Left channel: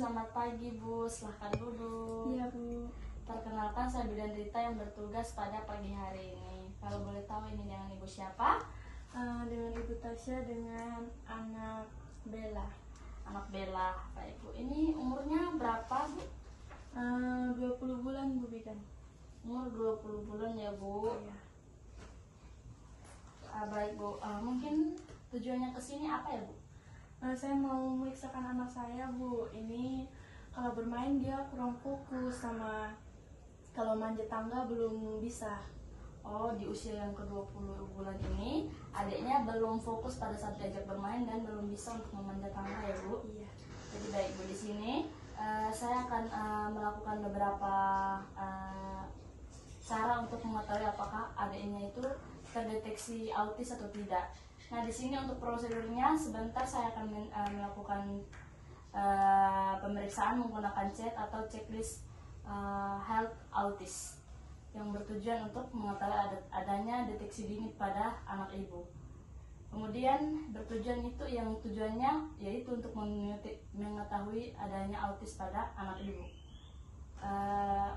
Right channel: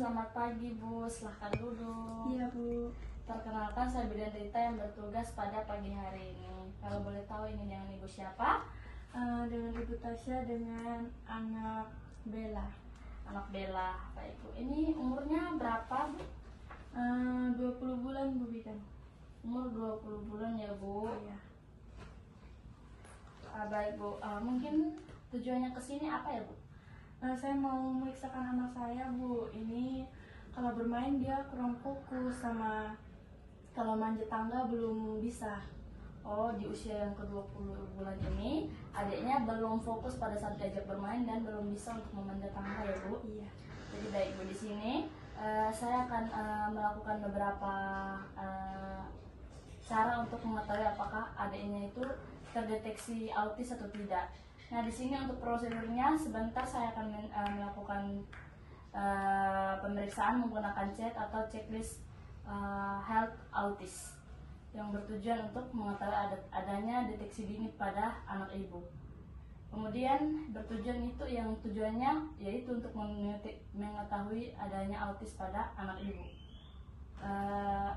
selamat pagi Bu, silahkan duduk. Iya Bu. Perkenalkan, saya Bidan Rita yang bertugas pada pagi hari ini. Kalau boleh tahu ini dengan Ibu siapa? Dengan Ibu Tasya dengan anak Bella. Anak Bella. Baik Bu, ini umurnya berapa Bu? 20 bulan Bu Bidan. Umur 20 bulan ya Bu. Iya. Baik Bu, mungkin tujuannya ke sini apa ya Bu? Saya mau memeriksakan anak saya Bu. Ini kalau bermain dia kurang fokus, sama kalau manjat tangga belum bisa. Oh, di usia yang ke-20 bulan ini adiknya belum fokus pada saat diajak bermain dan belum bisa untuk memanjat tangga ya Bu? Iya. Jadi baik Bu, di sini saya akan melakukan beberapa cara untuk mengetahui apakah adiknya itu terdeteksi autis atau tidak. Nah, di sini untuk prosedurnya sebentar saya akan melakukan pemeriksaan menggunakan chat atau checklist health autis yang bertujuan untuk mengetahui adanya deteksi dini pada anak ibu. Kemudian tujuannya yaitu untuk mengetahui adanya autis pada anak ibu.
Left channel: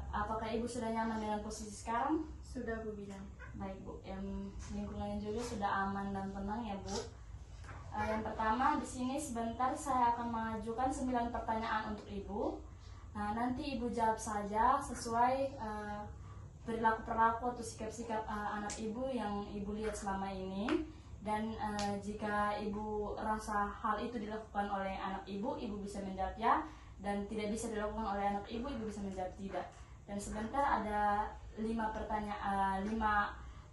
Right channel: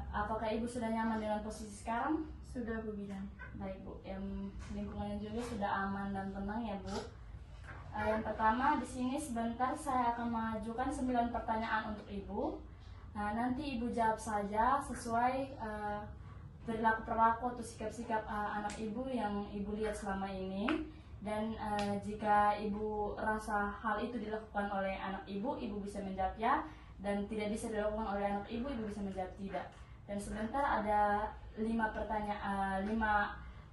Apakah ibu sudah nyaman dengan posisi sekarang? Sudah Bu Bidan. Baik Bu, lingkungannya juga sudah aman dan tenang ya Bu. Yang pertama di sini sebentar saya akan mengajukan 9 pertanyaan untuk ibu. Nanti ibu jawab saja sesuai perilaku atau sikap-sikap anak ibu yang ibu lihat selama ini. Dan jika ibu rasa hal itu dilakukan oleh anak ibu bisa menjawab ya. Dan tidak bisa dilakukan oleh anak ibu bisa menjawab tidak. Dan sebentar ada 5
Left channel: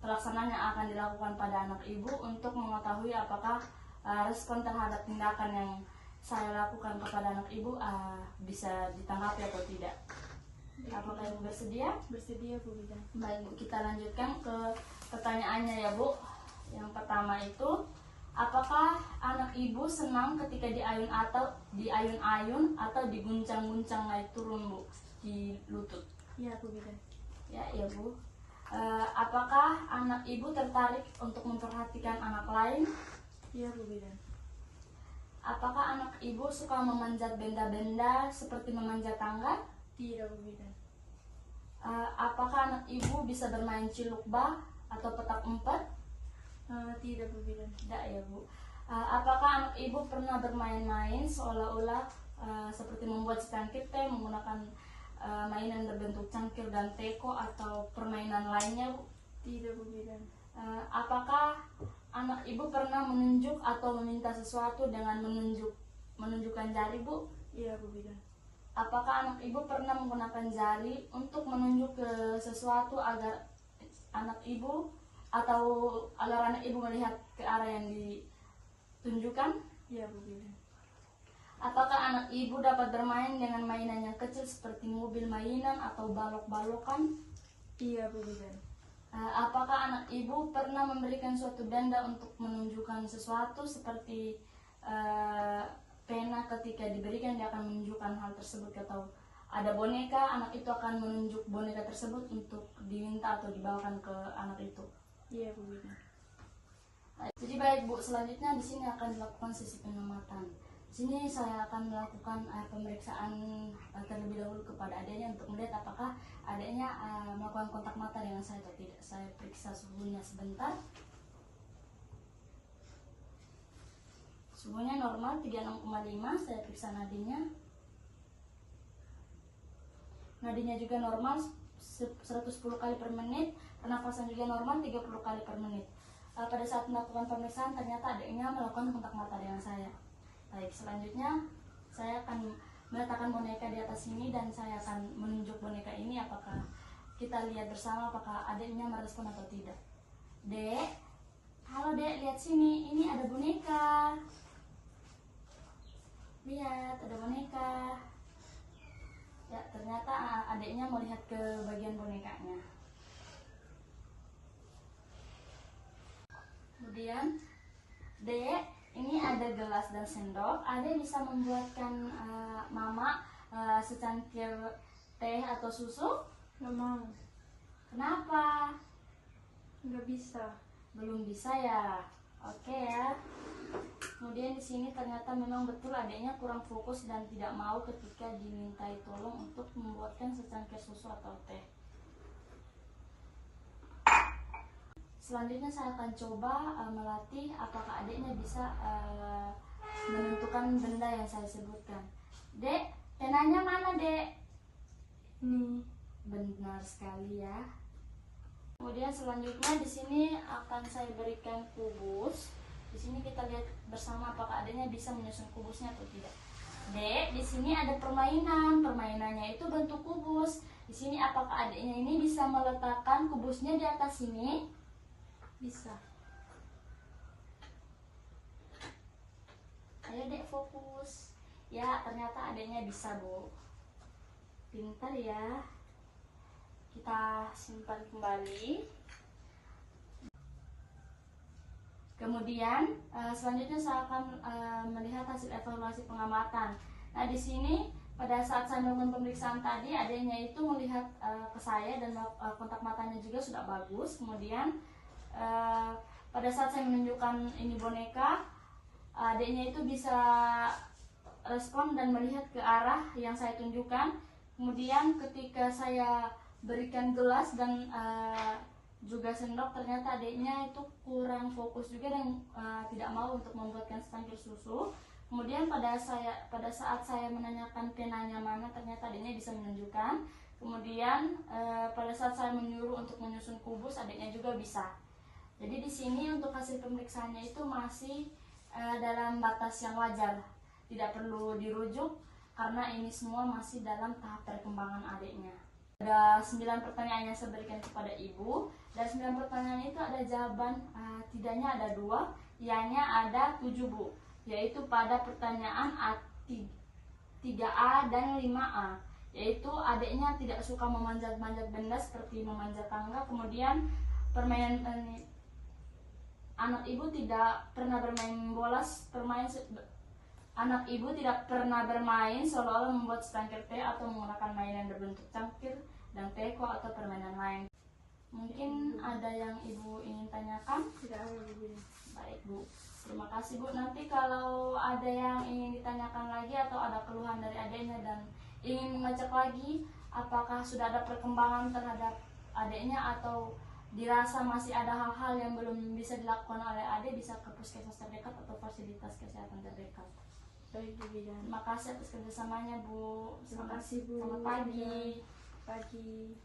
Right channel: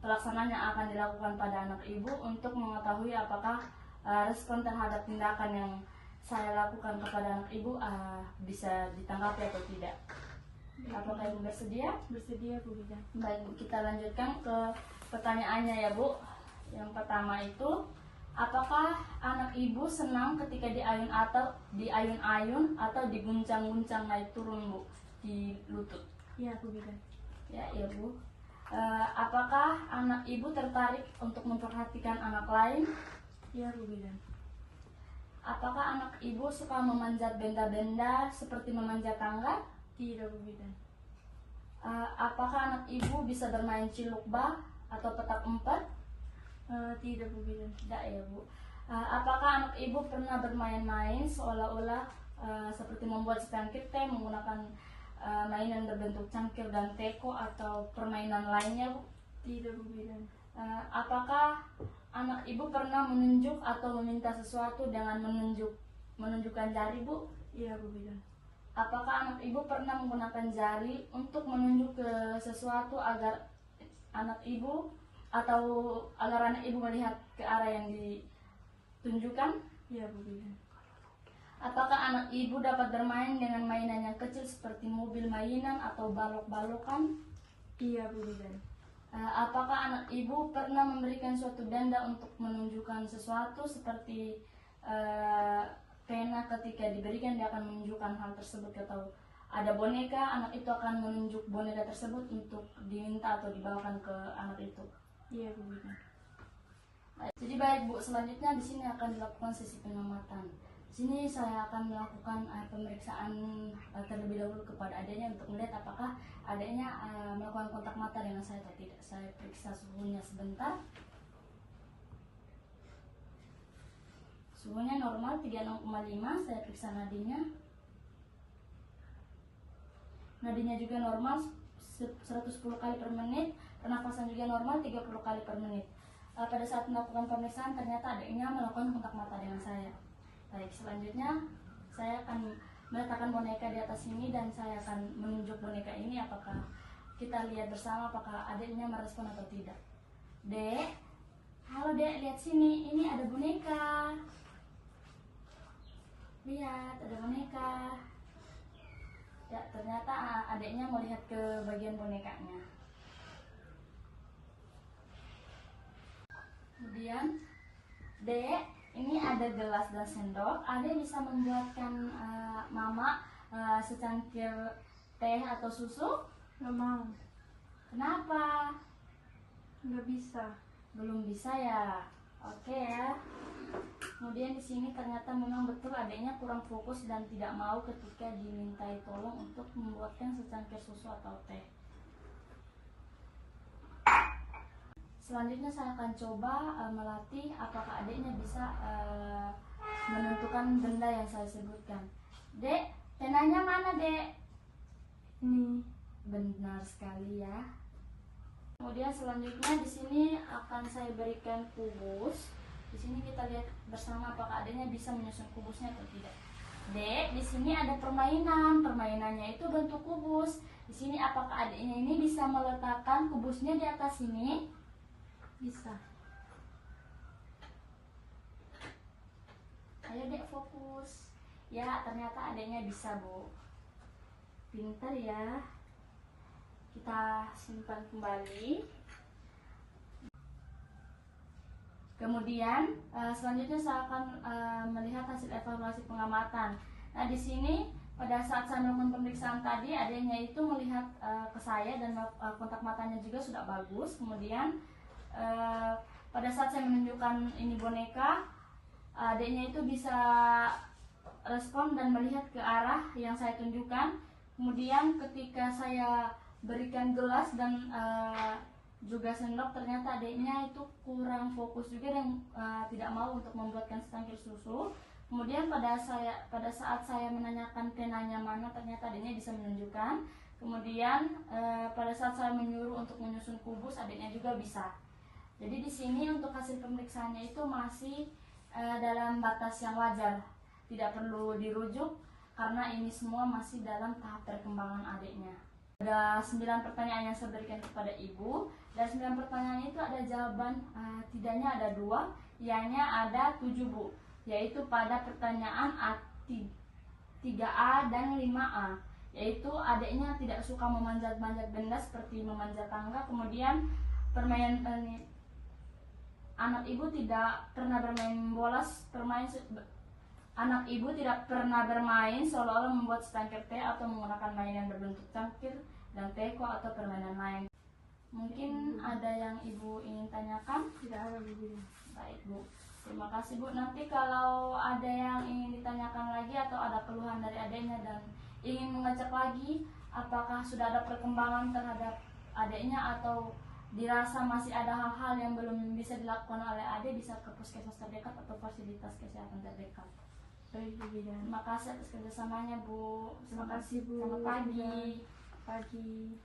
pelaksanaan yang akan dilakukan pada anak ibu untuk mengetahui apakah respon terhadap tindakan yang saya lakukan kepada anak ibu bisa ditanggapi atau tidak. Apakah ibu bersedia? Bersedia Bu Bidan. Baik Bu, kita lanjutkan ke pertanyaannya ya Bu. Yang pertama itu, apakah anak ibu senang ketika diayun-ayun atau diguncang-guncang naik turun Bu di lutut? Iya Bu Bidan. Ya Bu. Apakah anak ibu tertarik untuk memperhatikan anak lain? Iya Bu Bidan. Apakah anak ibu suka memanjat benda-benda seperti memanjat tangga? Tidak Bu Bidan. Apakah anak ibu bisa bermain ciluk bah atau petak umpet? Tidak Bu Bidan. Tidak ya Bu. Apakah anak ibu pernah bermain-main seolah-olah seperti membuat stand teh menggunakan mainan berbentuk cangkir dan teko atau permainan lainnya Bu? Tidak Bu Bidan. Apakah anak ibu pernah menunjuk atau meminta sesuatu dengan menunjukkan jari Bu? Iya Bu Bidan. Apakah anak ibu pernah menggunakan jari untuk menunjuk ke sesuatu agar anak ibu melihat ke arah yang ditunjukkan? Iya Bu Bidan. Apakah anak ibu dapat bermain dengan mainan yang kecil seperti mobil mainan atau balok-balokan? Iya Bu Bidan. Apakah anak ibu pernah memberikan suatu benda untuk menunjukkan sesuatu seperti pena, ketika diberikan dia akan menunjukkan hal tersebut, atau ada boneka, anak itu akan menunjuk boneka tersebut untuk diminta atau dibawakan ke anak itu? Iya Bu Bidan. Jadi baik Bu, selanjutnya di sini akan dilakukan sesi pengamatan. Di sini saya akan melakukan pemeriksaan terlebih dahulu kepada adiknya untuk melihat apakah adiknya melakukan kontak mata dengan saya atau tidak. Saya periksa suhunya sebentar. Suhunya normal 36,5. Saya periksa nadinya. Nadinya juga normal 110 kali per menit. Pernafasan juga normal 30 kali per menit. Pada saat melakukan pemeriksaan ternyata adiknya melakukan kontak mata dengan saya. Baik, selanjutnya saya akan meletakkan boneka di atas sini dan saya akan menunjuk boneka ini. Apakah kita lihat bersama apakah adiknya merespon atau tidak. Dek, halo Dek, lihat sini, ini ada boneka. Lihat, ada boneka. Ya, ternyata adiknya melihat ke bagian bonekanya. Kemudian, Dek, ini ada gelas dan sendok. Adek bisa membuatkan mama secangkir teh atau susu? Nggak mau. Kenapa? Nggak bisa. Belum bisa ya? Oke ya. Kemudian di sini ternyata memang betul adiknya kurang fokus dan tidak mau ketika dimintai tolong untuk membuatkan secangkir susu atau teh. Selanjutnya saya akan coba melatih apakah adiknya bisa menentukan benda yang saya sebutkan. Dek, penanya mana, Dek? Nih. Benar sekali ya. Kemudian selanjutnya di sini akan saya berikan kubus. Di sini kita lihat bersama apakah adiknya bisa menyusun kubusnya atau tidak. Dek, di sini ada permainan. Permainannya itu bentuk kubus. Di sini apakah adiknya ini bisa meletakkan kubusnya di atas sini? Bisa. Ayo Dek, fokus. Ya, ternyata adiknya bisa, Bu. Pintar ya. Kita simpan kembali. Kemudian selanjutnya saya akan melihat hasil evaluasi pengamatan. Nah, di sini pada saat saya melakukan pemeriksaan tadi, adiknya itu melihat ke saya dan kontak matanya juga sudah bagus. Kemudian pada saat saya menunjukkan ini boneka, adiknya itu bisa respon dan melihat ke arah yang saya tunjukkan. Kemudian ketika saya berikan gelas dan juga sendok, ternyata adiknya itu kurang fokus juga dan tidak mau untuk membuatkan secangkir susu. Kemudian pada saat saya menanyakan penanya mana, ternyata adiknya bisa menunjukkan. Kemudian pada saat saya menyuruh untuk menyusun kubus, adiknya juga bisa. Jadi di sini untuk hasil pemeriksaannya itu masih dalam batas yang wajar, tidak perlu dirujuk karena ini semua masih dalam tahap perkembangan adiknya. Ada 9 pertanyaan yang saya berikan kepada ibu, dan 9 pertanyaan itu ada jawaban tidaknya ada 2, ianya ada 7, Bu, yaitu pada pertanyaan 3A dan 5A, yaitu adiknya tidak suka memanjat-manjat benda seperti memanjat tangga. Kemudian permainan anak ibu tidak pernah bermain bola, anak ibu tidak pernah bermain seolah-olah membuat secangkir teh atau menggunakan mainan berbentuk cangkir dan teko atau permainan lain. Mungkin ada yang ibu ingin tanyakan? Tidak ada begini. Baik, Bu. Terima kasih, Bu. Nanti kalau ada yang ingin ditanyakan lagi atau ada keluhan dari adiknya dan ingin mengecek lagi apakah sudah ada perkembangan terhadap adiknya atau dirasa masih ada hal-hal yang belum bisa dilakukan oleh adik, bisa ke puskesmas terdekat atau fasilitas kesehatan terdekat. Baik, Bu Bidan. Terima kasih atas kerjasamanya, Bu. Terima kasih, Bu. Selamat pagi. Pagi.